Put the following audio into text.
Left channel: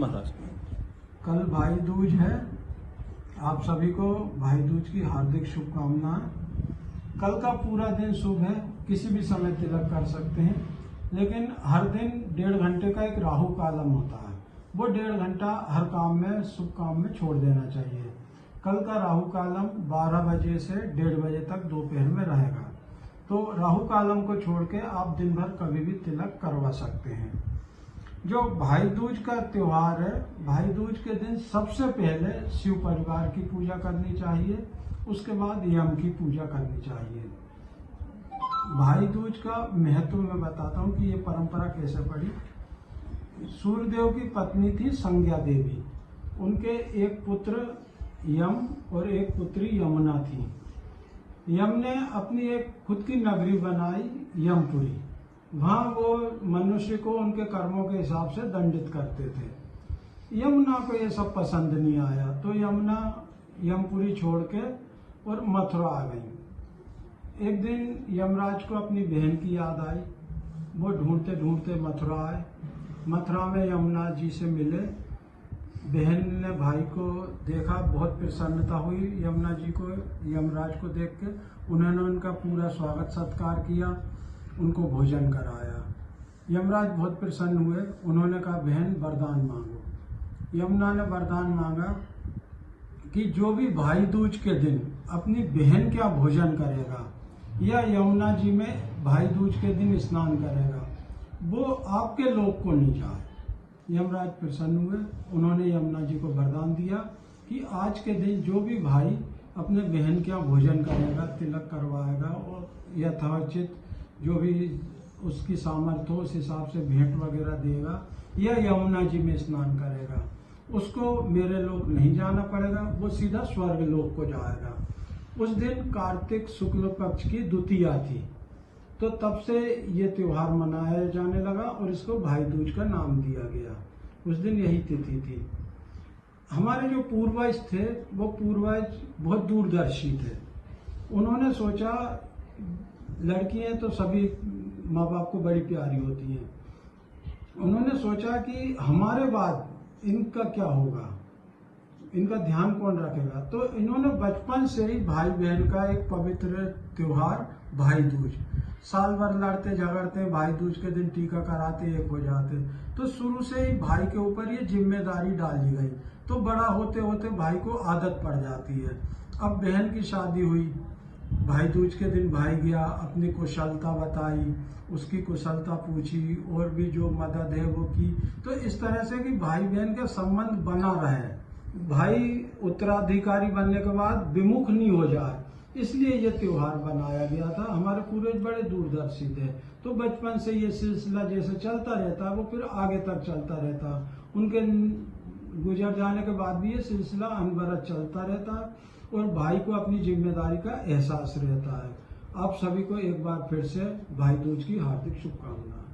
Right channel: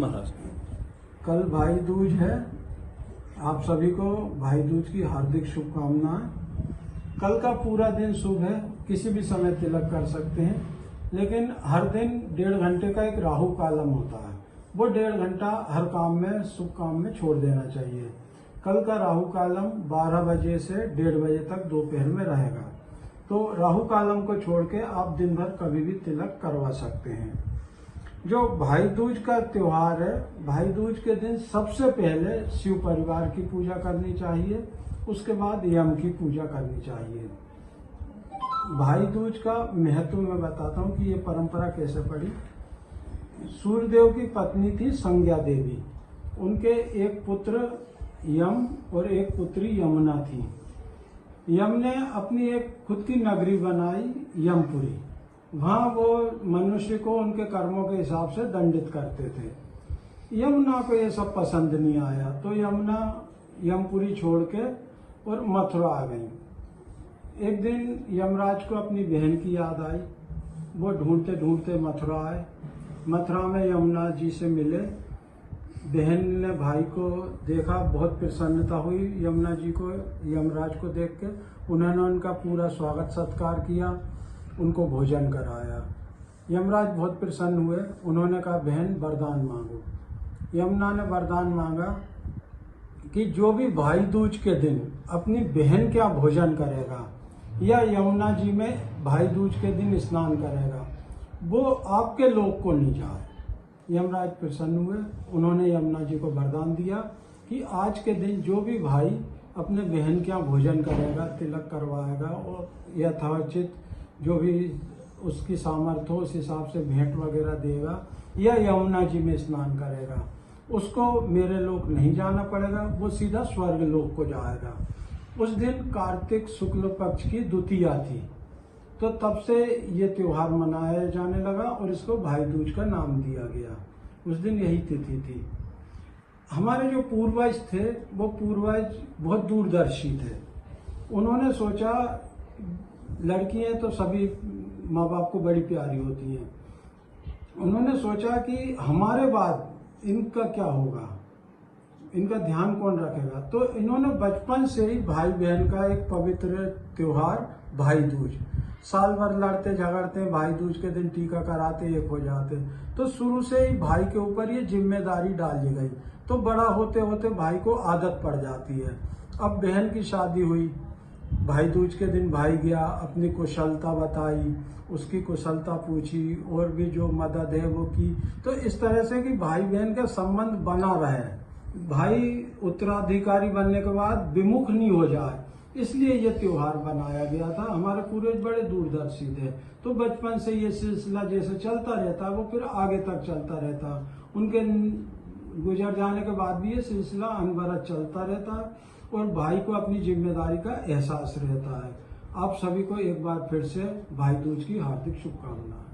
महाराज। कल भाई दूज है। आप सभी को भाई दूज की हार्दिक शुभकामनाएं। कल का पूरा दिन शुभ है, किसी भी समय तिलक कर सकते हैं, लेकिन हर दिन 1.5 घंटे का एक राहु कालम होता है। वो 1.5 घंटा हर काम में, शुभ काम में छोड़ देना चाहिए। कल का राहु कालम 12 बजे से 1:30 बजे तक दोपहर में रहेगा। तो राहु कालम को छोड़ के आप दिन भर कभी भी तिलक करवा सकते हैं। जो भाई दूज का त्योहार है, भाई दूज के दिन सबसे पहले शिव परिवार की पूजा करनी चाहिए, उसके बाद यम की पूजा करनी चाहिए। भाई दूज का महत्व मैं बताता हूँ कि ये परंपरा कैसे पड़ी। सूर्यदेव की पत्नी थी संज्ञा देवी, उनके एक पुत्र यम और एक पुत्री यमुना थी। यम ने अपनी एक खुद की नगरी बनाई, यमपुरी। वहां वो मनुष्य को उनके कर्मों के हिसाब से दंडित करते थे। यमुना को ये सब पसंद नहीं आया, तो यमुना यमपुरी छोड़ के और मथुरा आ गई। एक दिन यमराज को अपनी बहन की याद आई। वो ढूंढते ढूंढते मथुरा आए। मथुरा में यमुना जी से मिले। बहन ने भाई को देखा, बहुत प्रसन्नता हुई यमुना जी को, यमराज को देख के। उन्होंने उनका पूरा स्वागत सत्कार किया, उनको भोजन कराया। यमराज बहुत प्रसन्न हुए। उन्होंने कहा, बहन वरदान मांगो। यमुना ने वरदान मांगा कि जो भी भाई दूज के दिन अपनी बहन के यहाँ भोजन करेगा या यमुना जी में भाई दूज के दिन स्नान करेगा, वो आपके लोक को नहीं जाए। यमराज प्रसन्न हुए। उन्होंने यमुना जी को वरदान दिया कि आज के दिन जो भी भाई अपने बहन के यहाँ भोजन करेगा, तिलक करवाएगा और यथोचित जो भी उसकी सामर्थ्य हो उस हिसाब से भेंट वगैरह देगा या यमुना जी में स्नान करेगा, उसको मेरे लोक नहीं जाना पड़ेगा, वो सीधा स्वर्ग लोक को जाएगा। उस दिन कार्तिक शुक्ल पक्ष की द्वितीया थी, तो तब से ये त्योहार मनाया जाने लगा और इसको भाई दूज का नाम दिया गया। उस दिन यही तिथि थी। हमारे जो पूर्वज थे, वो पूर्वज बहुत दूरदर्शी थे। उन्होंने सोचा, लड़कियां तो सभी माँ बाप को बड़ी प्यारी होती हैं। उन्होंने सोचा कि हमारे बाद इनका क्या होगा, इनका ध्यान कौन रखेगा। तो इन्होंने बचपन से ही भाई बहन का एक पवित्र त्योहार भाई दूज, साल भर लड़ते झगड़ते भाई दूज के दिन टीका कराते, एक हो जाते। तो शुरू से ही भाई के ऊपर ये जिम्मेदारी डाली गई। तो बड़ा होते होते भाई को आदत पड़ जाती है। अब बहन की शादी हुई, भाई दूज के दिन भाई गया, अपनी कुशलता बताई, उसकी कुशलता पूछी और भी जो मदद है वो की। तो इस तरह से कि भाई बहन का संबंध बना रहे, भाई उत्तराधिकारी बनने के बाद विमुख नहीं हो जाए, इसलिए ये त्योहार बनाया गया था। हमारे पूर्वज बड़े दूरदर्शी थे, तो बचपन से ये सिलसिला जैसे चलता रहता है वो फिर आगे तक चलता रहता। उनके गुजर जाने के बाद भी ये सिलसिला अनवरत चलता रहता है और भाई को अपनी जिम्मेदारी का एहसास रहता है। आप सभी को एक बार फिर से भाई दूज की हार्दिक शुभकामनाएं।